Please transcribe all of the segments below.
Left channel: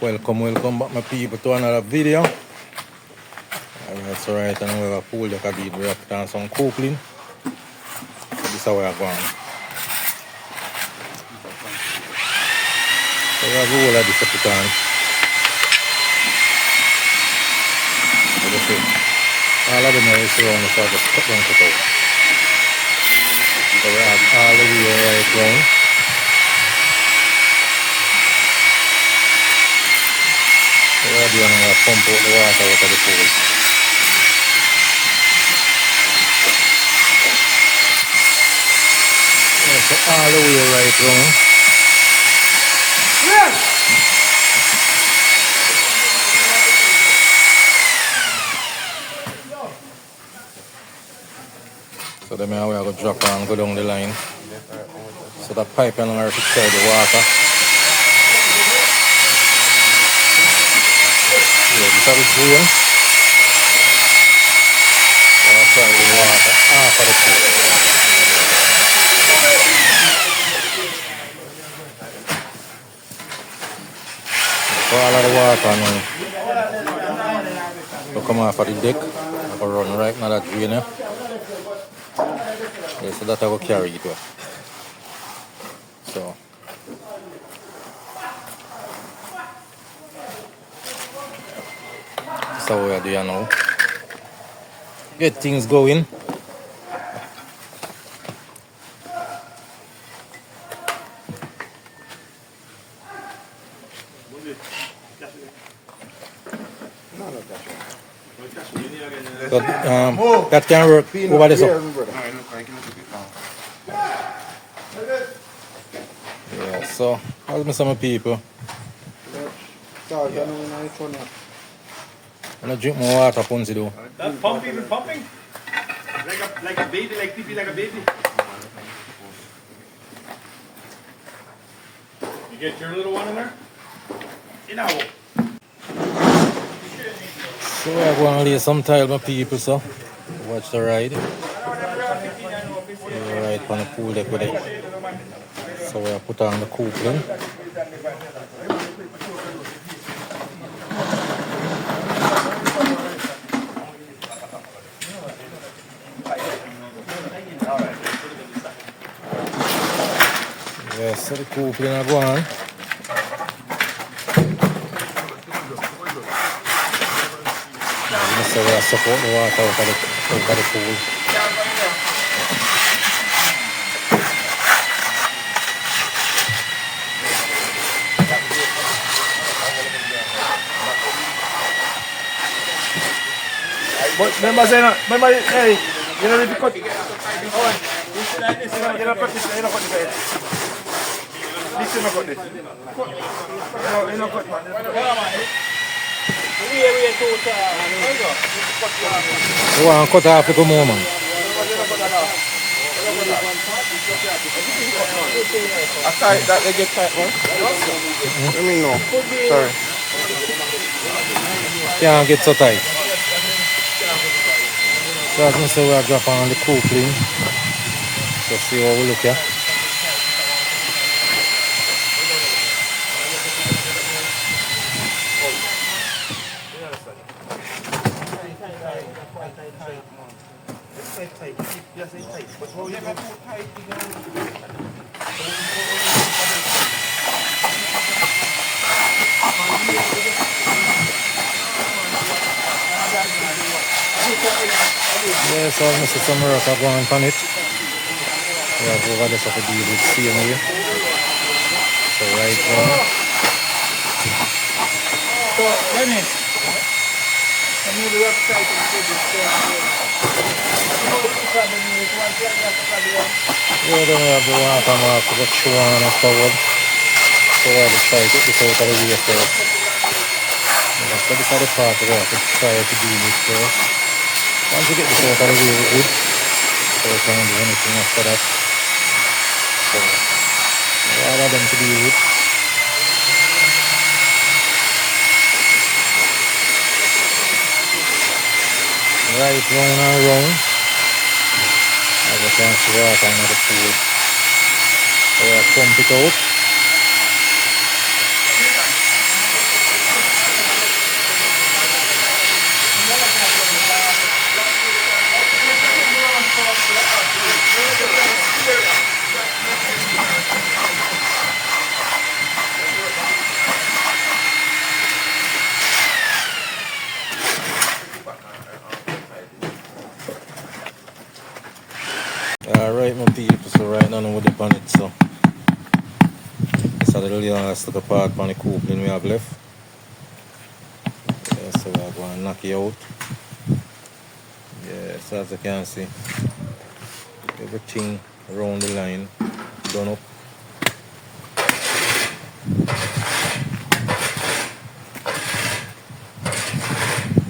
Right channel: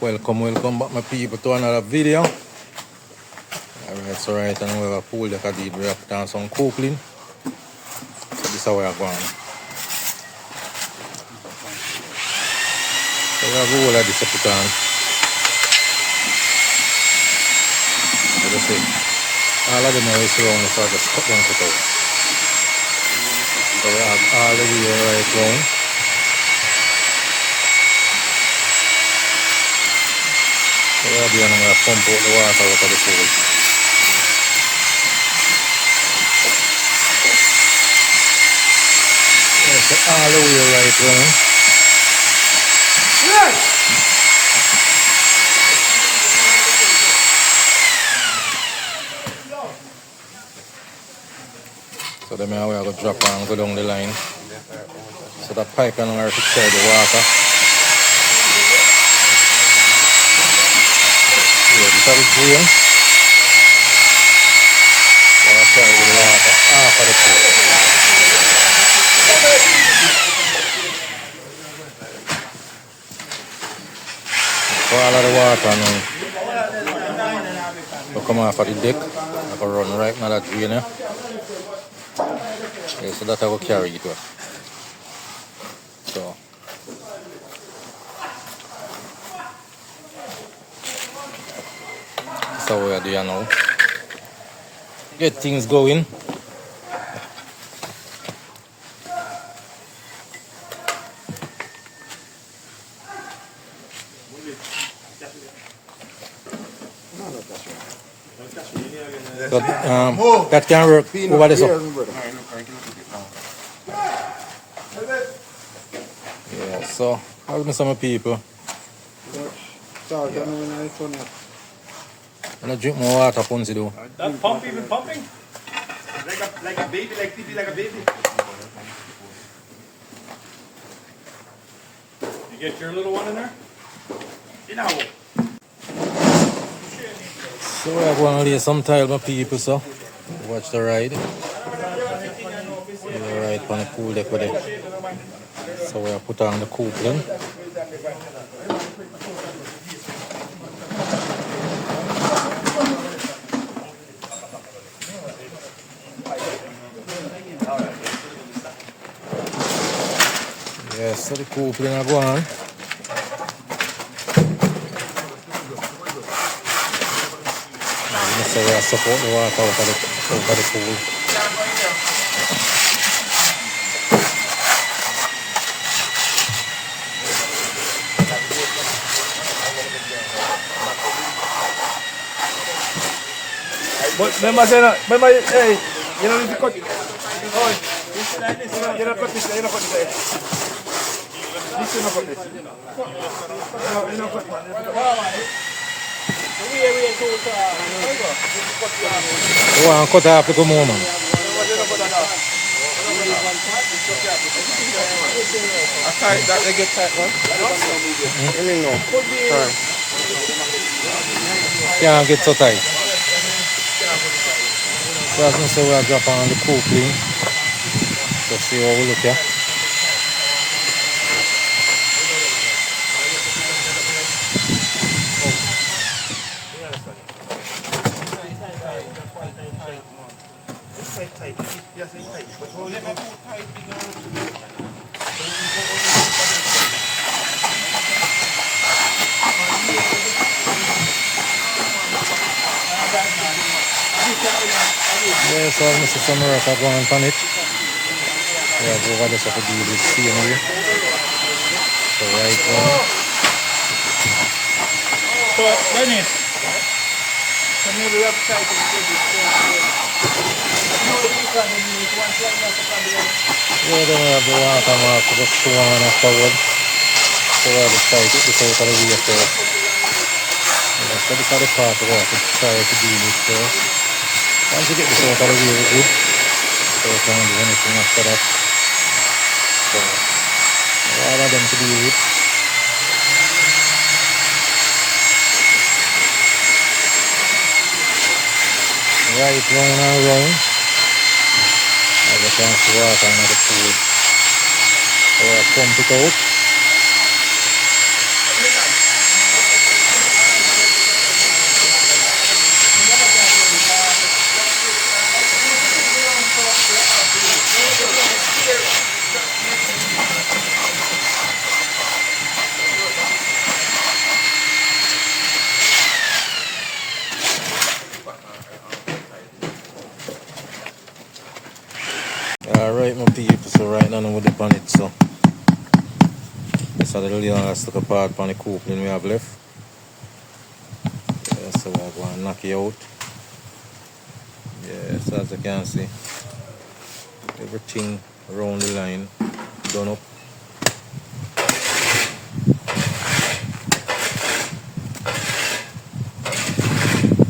Welcome back my people to another video. Alright, so right now we have a pool deck we have put on some coupling. So this is how we are going. So we have all of this to put on. So you see, all of them are surrounded, so I just cut them out. So we have all the way right round. So we are going to pump out the water out of the pool. Yeah, so all the way right round. So then we are going to drop and go down the line. So that pipe is going to carry the water. Yeah, this is the drain. So I'll carry the water off of the pool. So all of the water now will come off of the deck. I will run right now that drain here. Yeah, so that I will carry it with. So that's how we are doing now. Get things going. So, that can work over this up. Yeah, so I'll miss some people. Yeah. I'm gonna drink more water, Ponzi though. That pump even pumping? Like a baby, like pee like a baby. You get your little one in there? You know. So we're going to lay some tile, my people, so watch the ride. Yeah, right on the pool deck with it. So we'll put on the coupling. Yes, so the coupling are going. So we are support the water out of the pool. But remember saying that, hey, you know if you cut, oh, you don't cut this, you don't cut this. This you don't cut this. No, you don't cut man. You want to cut off the more, man? Aside that they get tight, right? Can't get so tight. So as I say, we'll drop on the coupling. So see how we look here. Yeah, so I'm going to see some work going on it. We have over this of a deal with CMA. So right now. So, Dennis, can you be upside and put this Yeah, then we have the water mark to go through on afterwards. So we'll just try to get this out of the way first. Yeah, so this is the part we have to try to deal with first. Once we get this out of the way, we're good. So we can't do anything after that. So, all of them to deal with. Right round and round. As you can see, water in the pool. So we'll pump it out. Alright, my people, so right now I'm with the on it, so this is the last little part on the coupling we have left. Yeah, so we're going to knock it out. Yeah, so as you can see, everything around the line done up.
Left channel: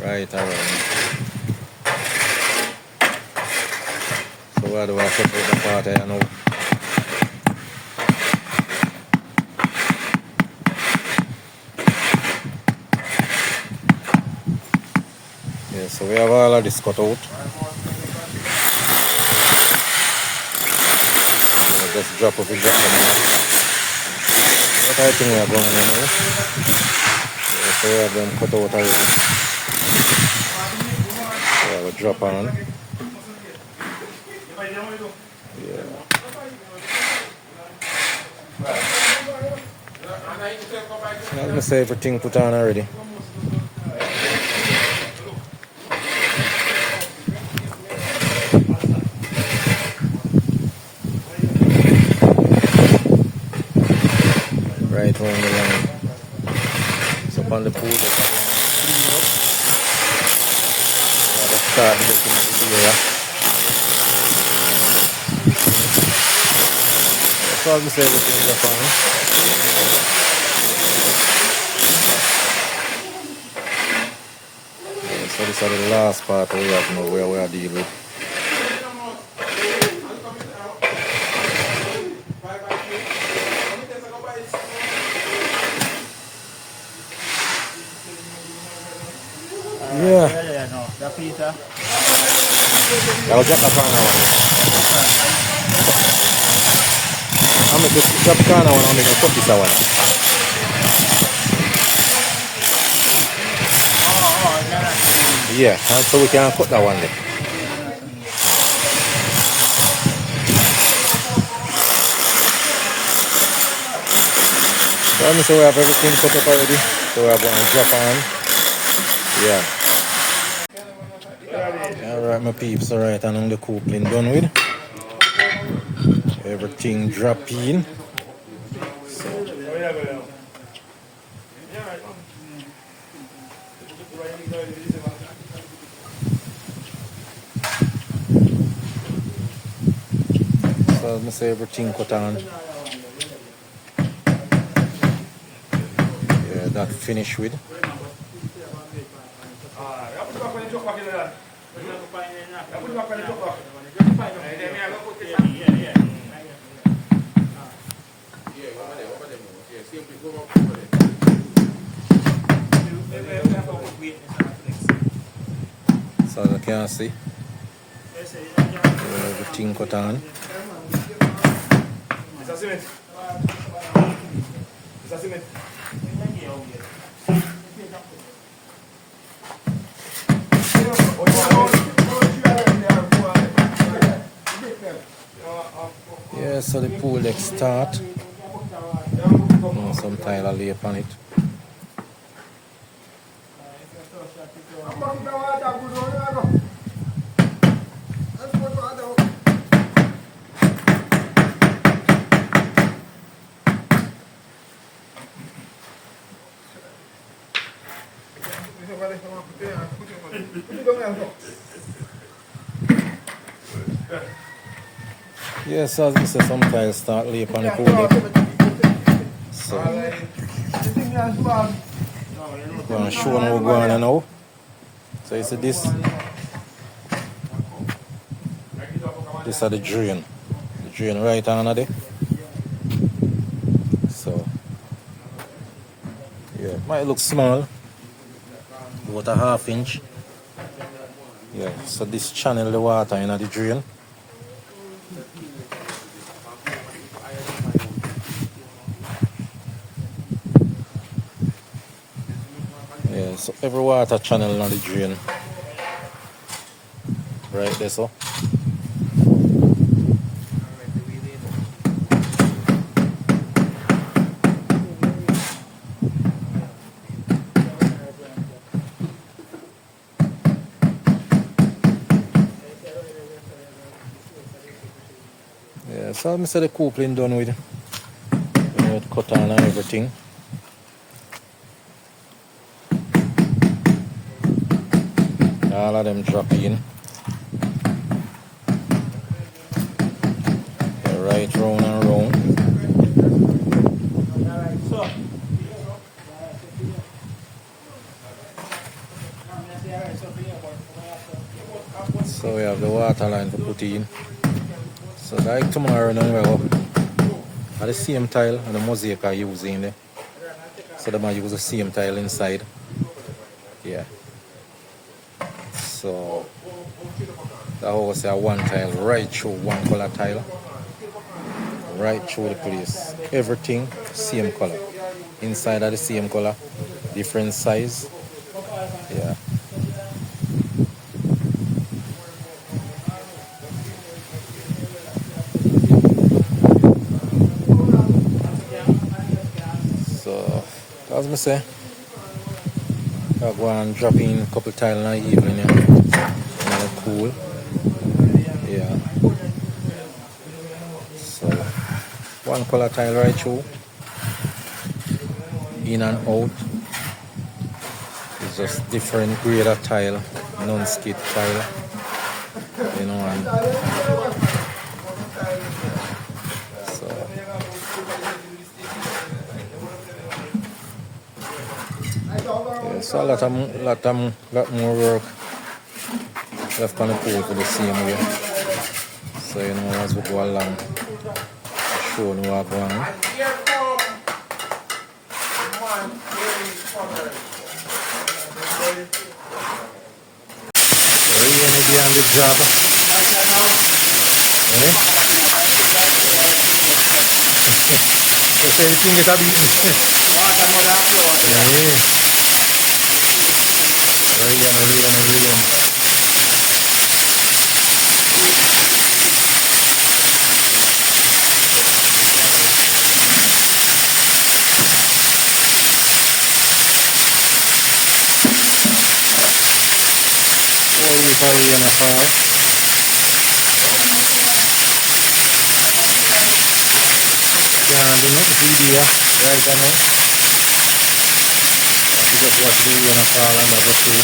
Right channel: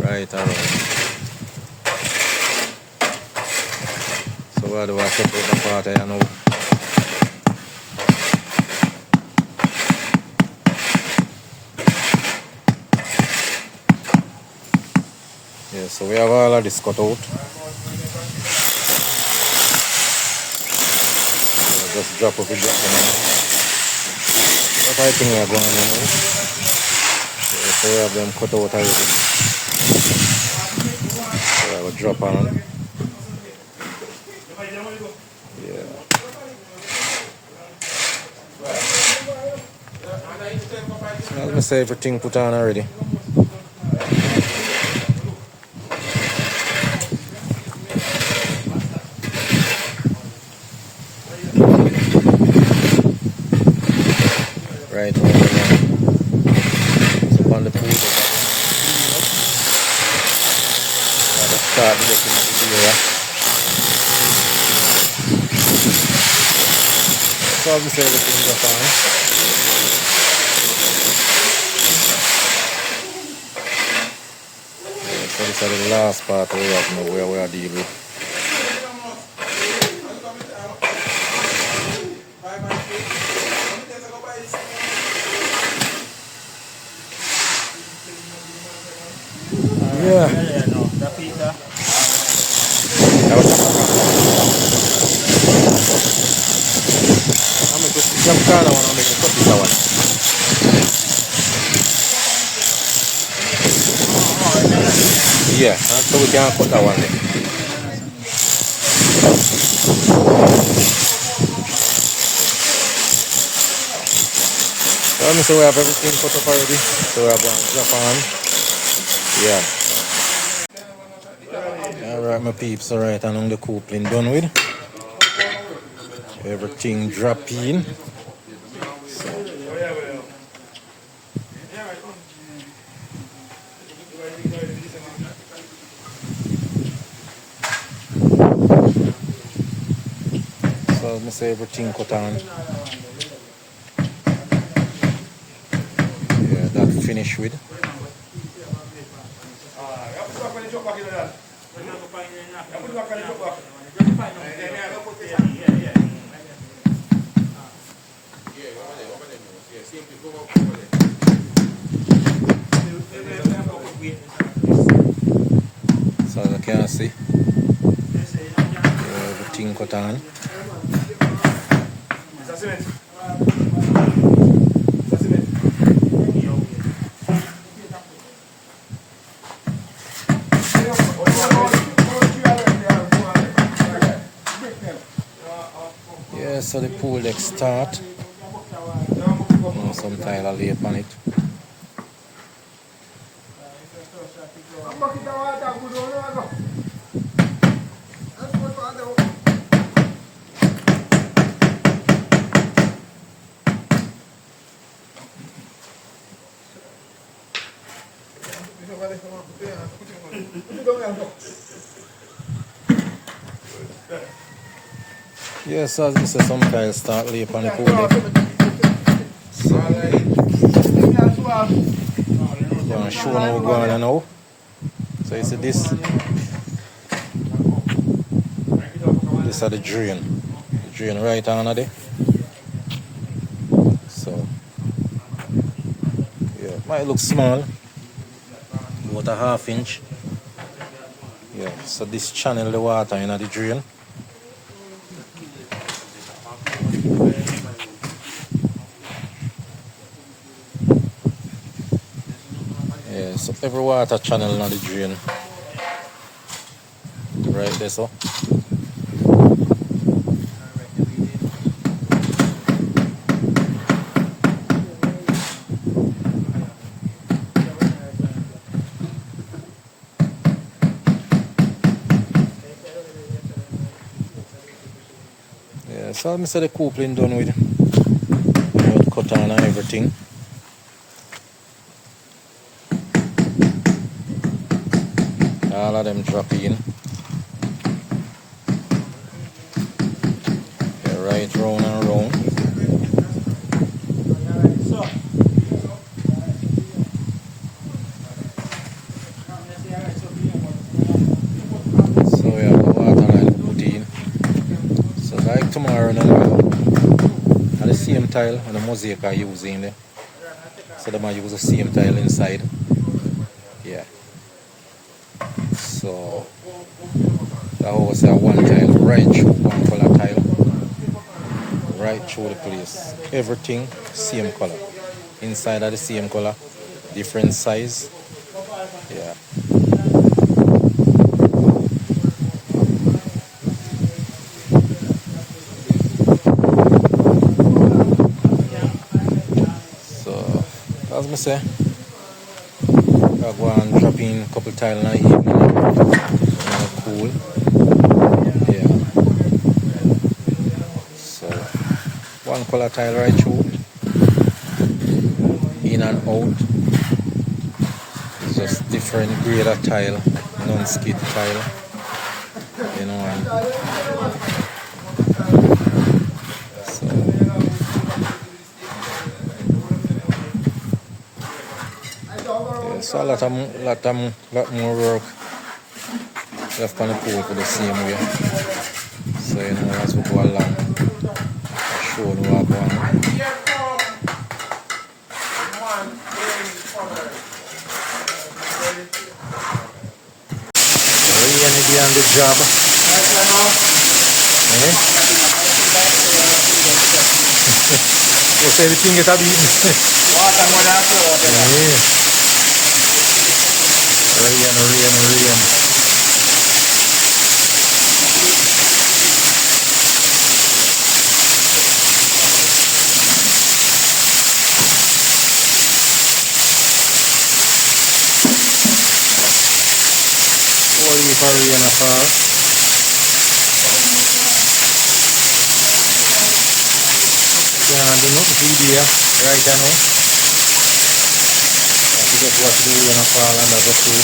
Right around. So where do I set out the part here now? Yeah, so we have all of this cut out. Yeah, just drop up and drop them on. What I think we are going on now. Yeah, so we have them cut out already. So we have a drop on. Yeah. As I say, everything put on already. Right on the line. So on the pool, let's start looking at the area. So as I say, everything's up on. Yeah, so this is the last part we have now where we are dealing with. Yeah. That was just a corner one. I'm going to drop the corner one and I'm going to cut this one. Yeah, so we can cut that one there. So let me say we have everything cut up already. So we are going to drop on. Yeah. Alright, my peeps, alright, and on the coupling done with. Everything drop in. So let me say everything cut on. Yeah, that finish with. So as you can see, everything cut on. Yeah, so the pool deck start. Some tile lay upon it. Yes, as I say, some tiles start lay upon the pool deck. So I'm going to show how we're going on now. So you see this is the drain. The drain right under there. So yeah, it might look small, about a ½ inch. Yeah, so this channel the water in the drain. Yeah, so every water channel in the drain. Right there, so. Yeah, so I said the coupling done with. Cut on and everything. All of them drop in. They're right round and round. So we have the water line to put in. So like tomorrow now, at the same tile and the mosaic are using there. So they might use the same tile inside. Yeah. So the house have one tile right through, one color tile. Right through the place. Everything same color. Inside are the same color. Different size. Yeah. So as I say, I go and drop in a couple tile in the evening. And cool. Yeah. So one color tile right through. In and out. It's just different grade of tile, non-skid tile. You know, and so yeah, so lot more work left on the pole for the same way. So you know, as we go along, I show you what going on. Really behind the job. Eh? You say everything get a beaten. Yeah. Rain. Holy for rain a fall. Can't do nothing for you right now. You just watch the rain a fall and that's a true.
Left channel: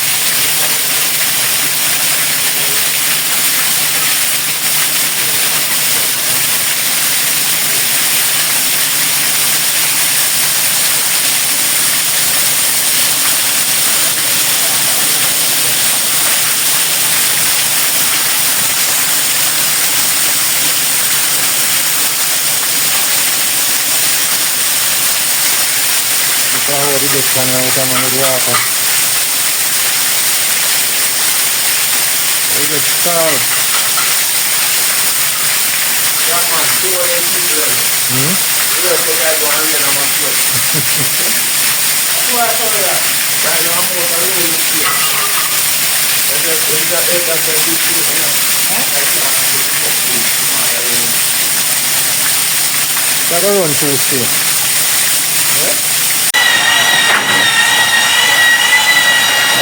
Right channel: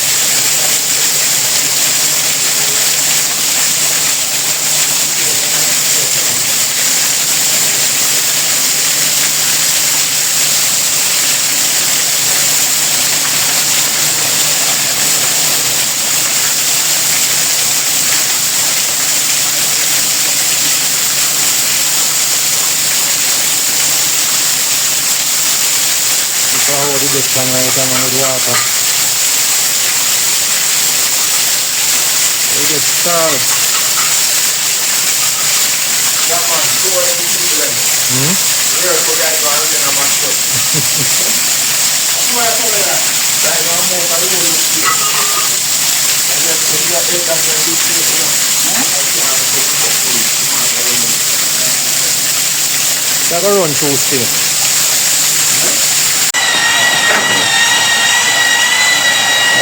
How the deck can right on with water. They get stalled. They're going to run through still.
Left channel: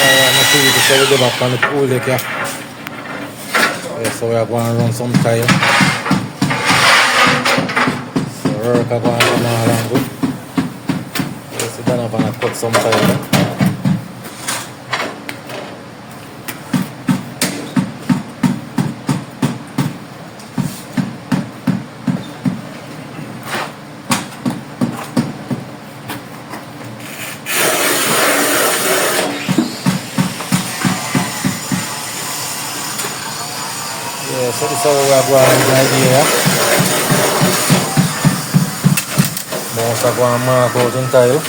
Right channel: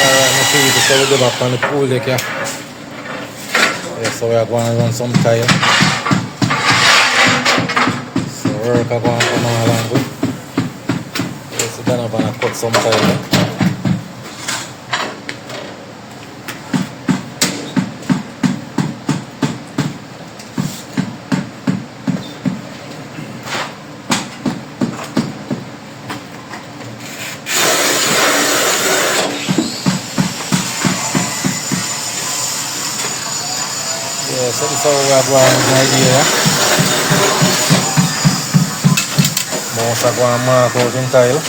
I'm going to show them up on the pool deck here. Yeah, so we are going to run some tile. So work are going to come along with. Yeah, so then I'm going to cut some tile. Yeah, so this is how we are going with the idea. Most are going to mark out in tile.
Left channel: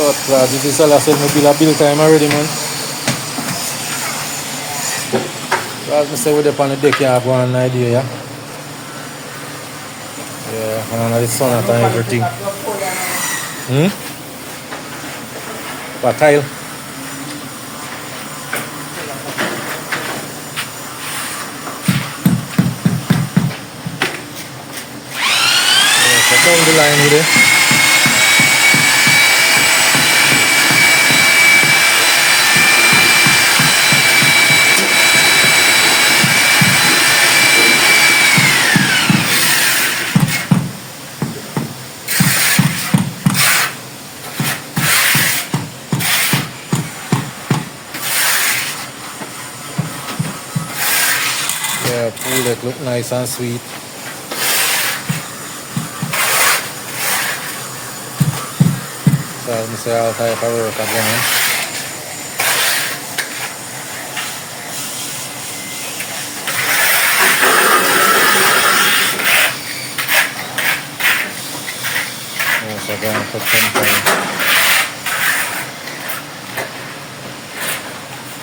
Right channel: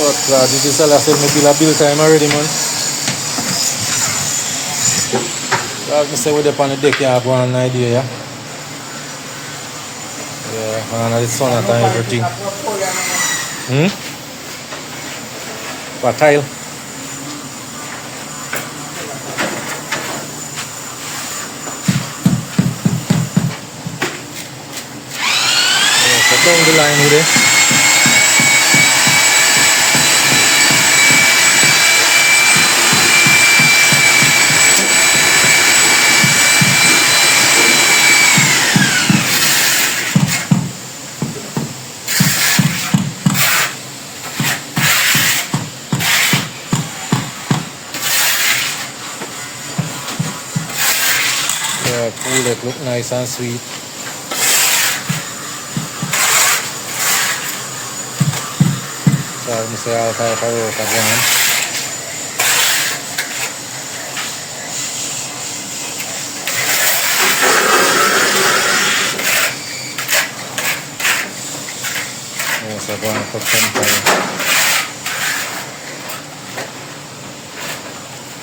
Oh, class, this is all I said, me bill time already, man. So as I say, we're up on the deck, you have one idea, yeah? Yeah, and the sun and everything. For tile. Yeah, so down the line with it. pool deck look nice and sweet. So I'm say all type of work are going. Also going for temporary.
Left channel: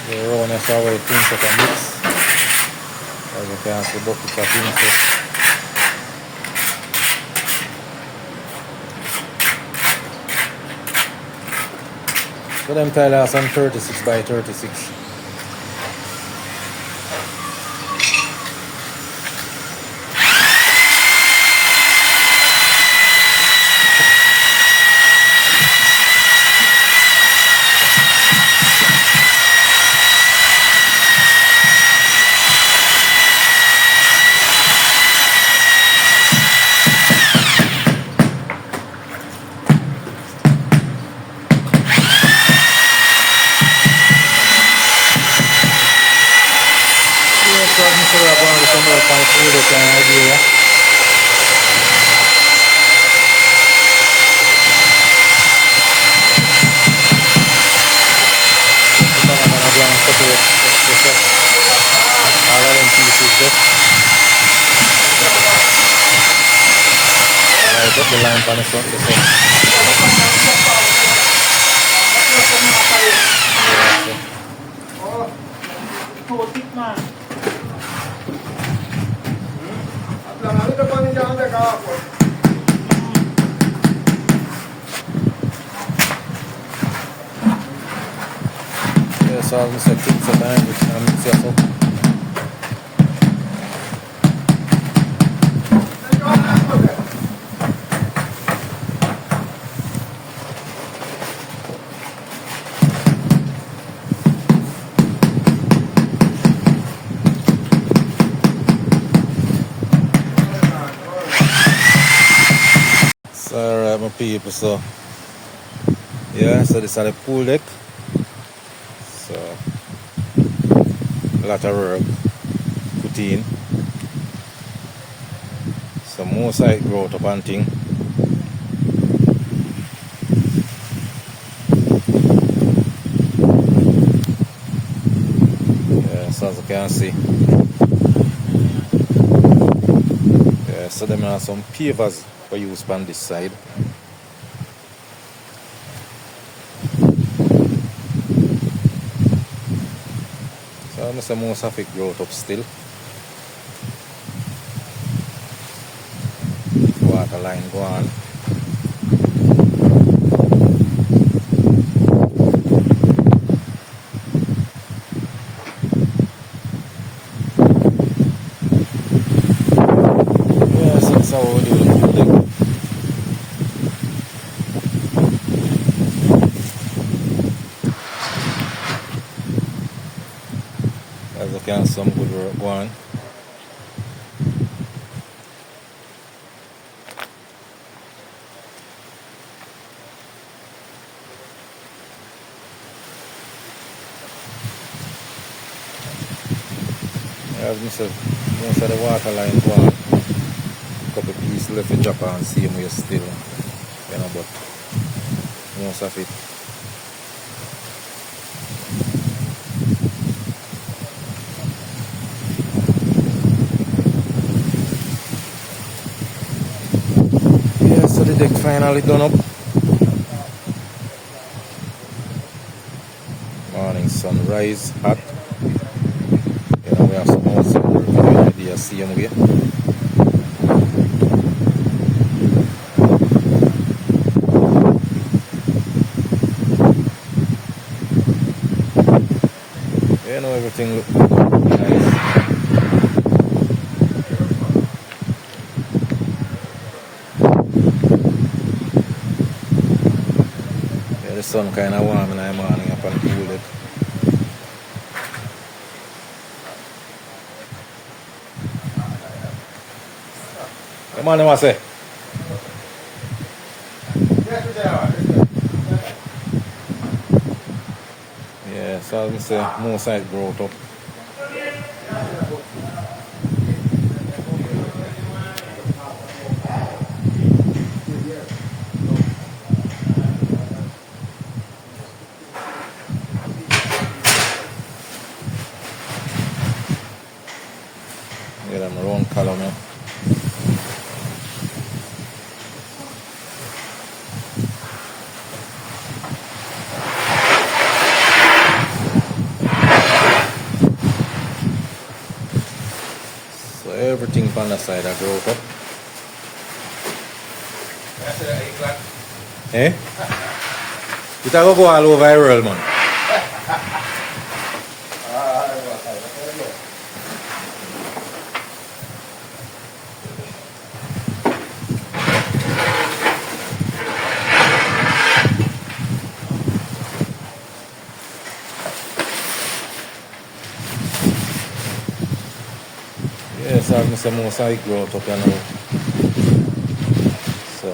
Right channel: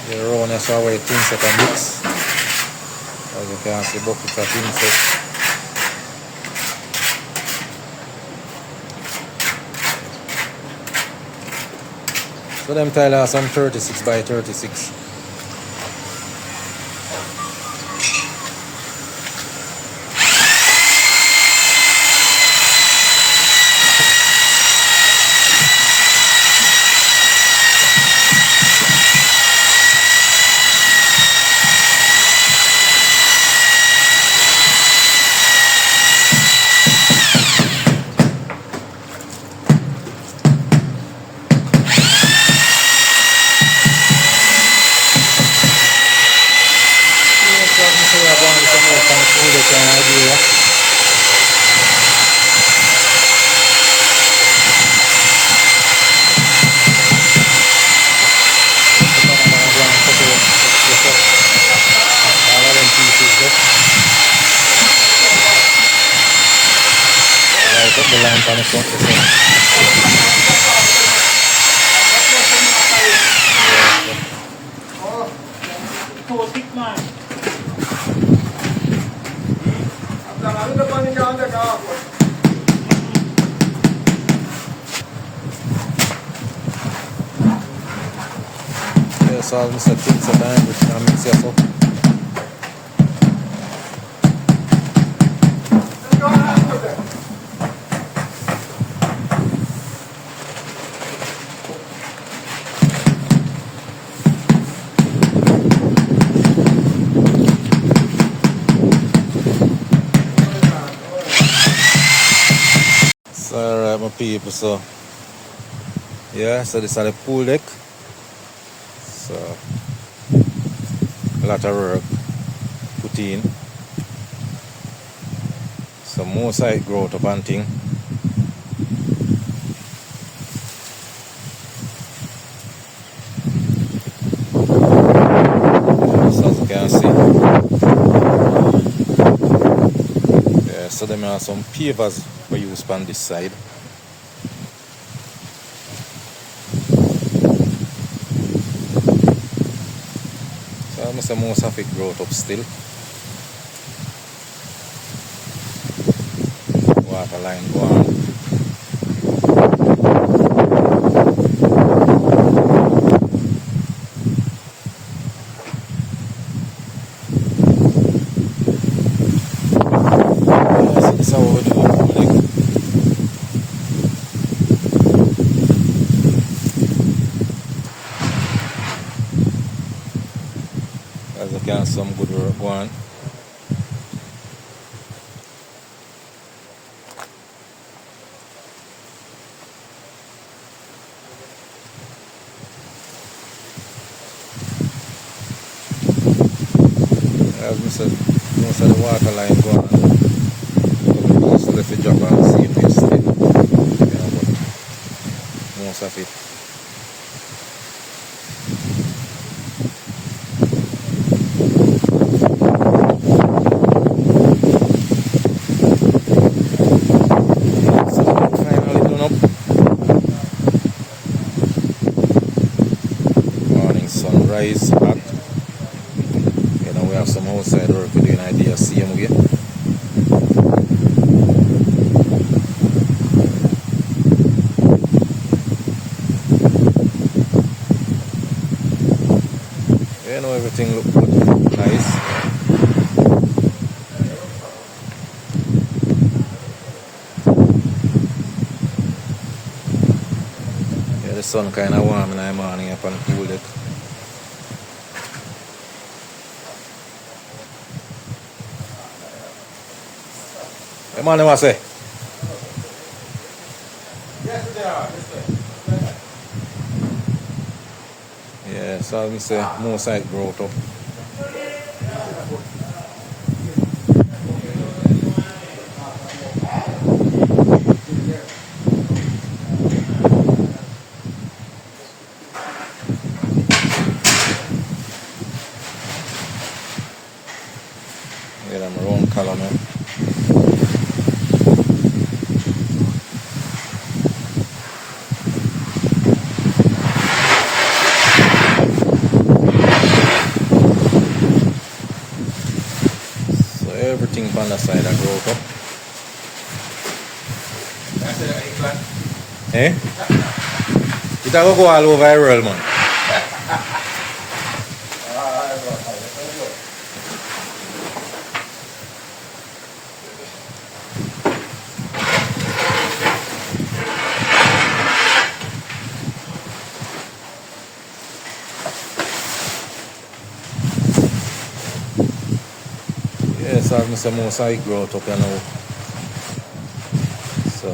The rawness of way things that are mix. As you can see, buckets of insects. So them tile are some 36 by 36. So we're going to some work on the pool deck and idea. So I'm going to go and cut out this up. All of them pieces there. Right up the line on the front this up. Yeah, so I'm set things at time which I'm mix this up. So alright my people, so yeah, so this is the pool deck. So a lot of work put in. Some more side growth up and thing. Yeah, so as you can see. Yeah, so there are some pavers for use on this side. So I'm say most of it growth up still. Water line go on. Yeah, so that's how we do it. Like, as you can see, some good work go on. As I said, most of the water line go on. Couple pieces left to drop and see if we still, you know, but most of it. Yeah, so the deck finally done up. Morning sunrise hot. You know, we have some outside work we're doing idea same way. You know, everything look nice. Yeah, the sun kind of warm in the morning up on the pool deck. Hey man, what say? Yeah, so as I say, more side growth up. Get them round column. Yeah. So everything on the side I grow up. Eh? It go all over the world, man. Yes, I'm saying most I grow up here now. So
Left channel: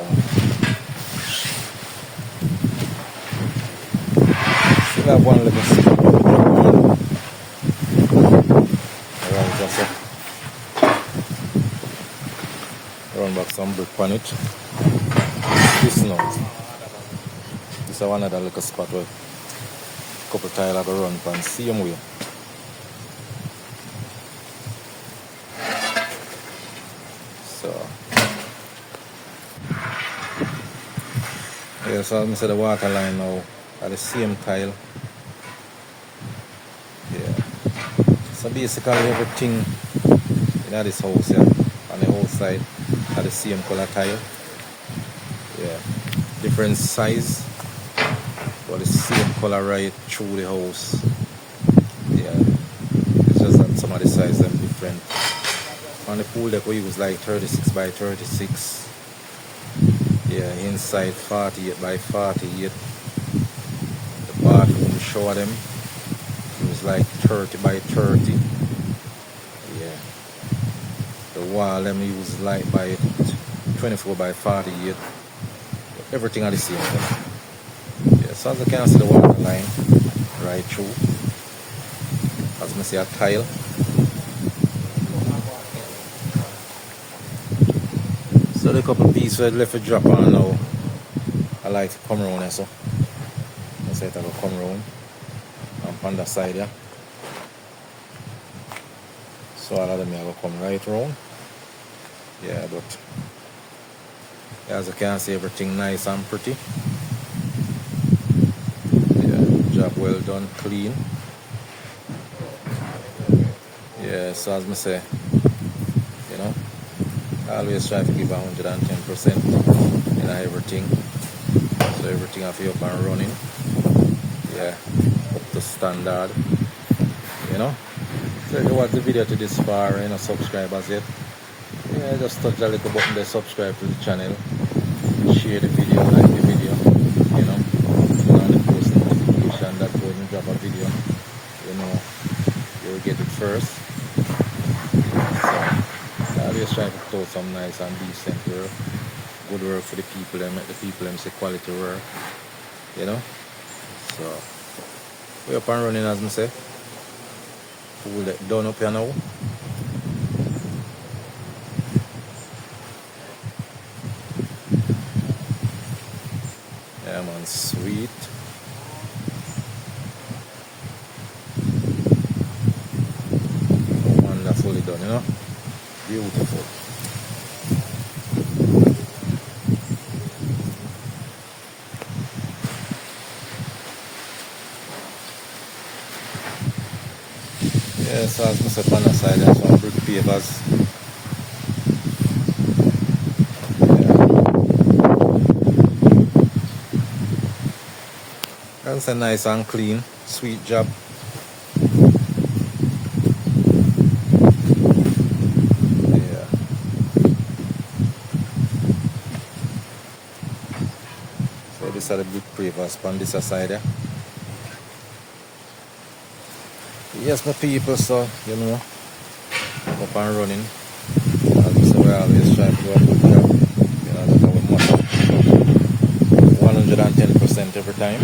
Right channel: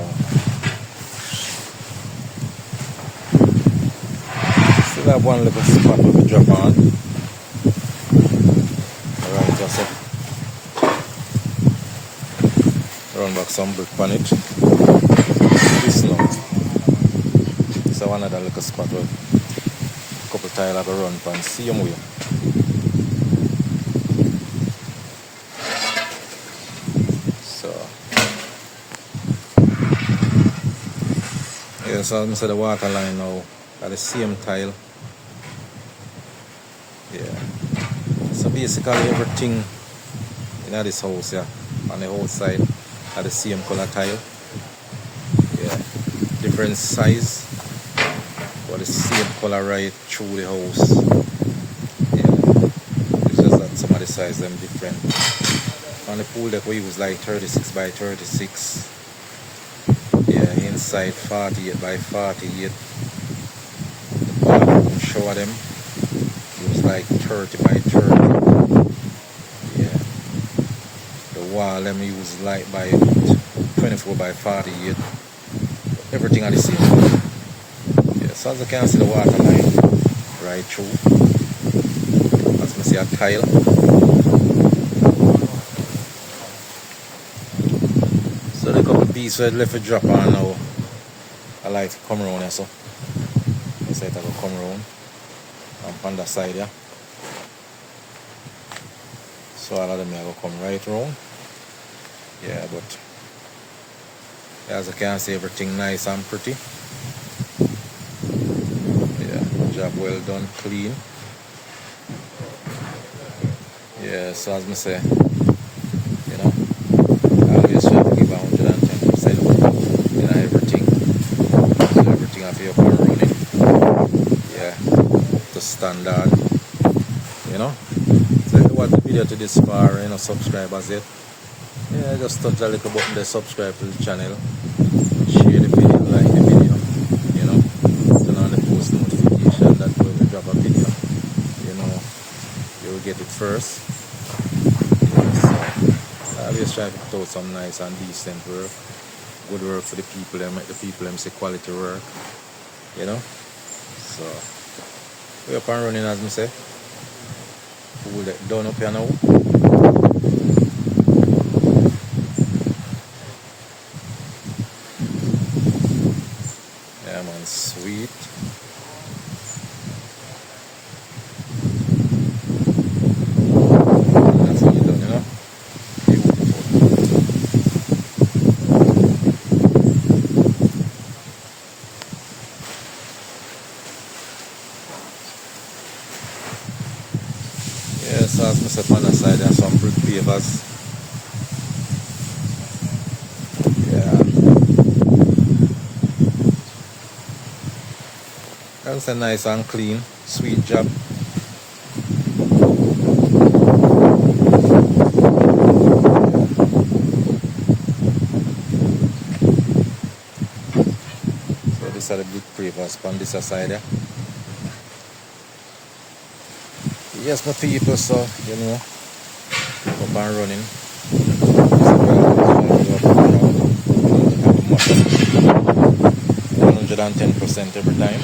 still have one little spot where we drop on. Alright, just run back some brick on it. This now. So one other little spot where a couple tile I go run pan same way. So yeah, so I'm say the water line now at the same tile. Yeah. So basically everything in this house here on the outside are the same color tile. Yeah. Different size, but the same color right through the house. Yeah. It's just that some of the size them different. On the pool deck we use like 36 by 36. Yeah, inside 48 by 48. The bathroom shower them. It was like 30 by 30. Yeah. The wall them use like by 24 by 48. But everything are the same. Yeah, so as you can see the water line right through. As you see a tile. So the couple pieces left to drop on now. I like to come around here so. I say I go come around. And on the side here. So all of them are going to come right round. Yeah, but as you can see everything nice and pretty. Yeah, job well done, clean. Yeah, so as I say, you know, I always try to give 110% in everything. So everything I feel up and running. Yeah, to standard. You know. So if you watch the video to this far and subscribe as yet, yeah, just touch the little button there, subscribe to the channel, share the video, like the video, you know, turn on the post notification that when you drop a video, you know, you will get it first. Yeah, so I always try to put out some nice and decent work, good work for the people and make the people them say quality work, you know. So we're up and running as I say. Pull that done up here now. Yeah man, sweet. Wonderfully done, you know. Beautiful. Yeah, so as I said on the side there are some brick pavers. That's a nice and clean, sweet job. Yeah. So these are the big pavers on this side there. Yes, my people, so you know, up and running. So we always try to do a good job. You know, that our motto. 110% every time.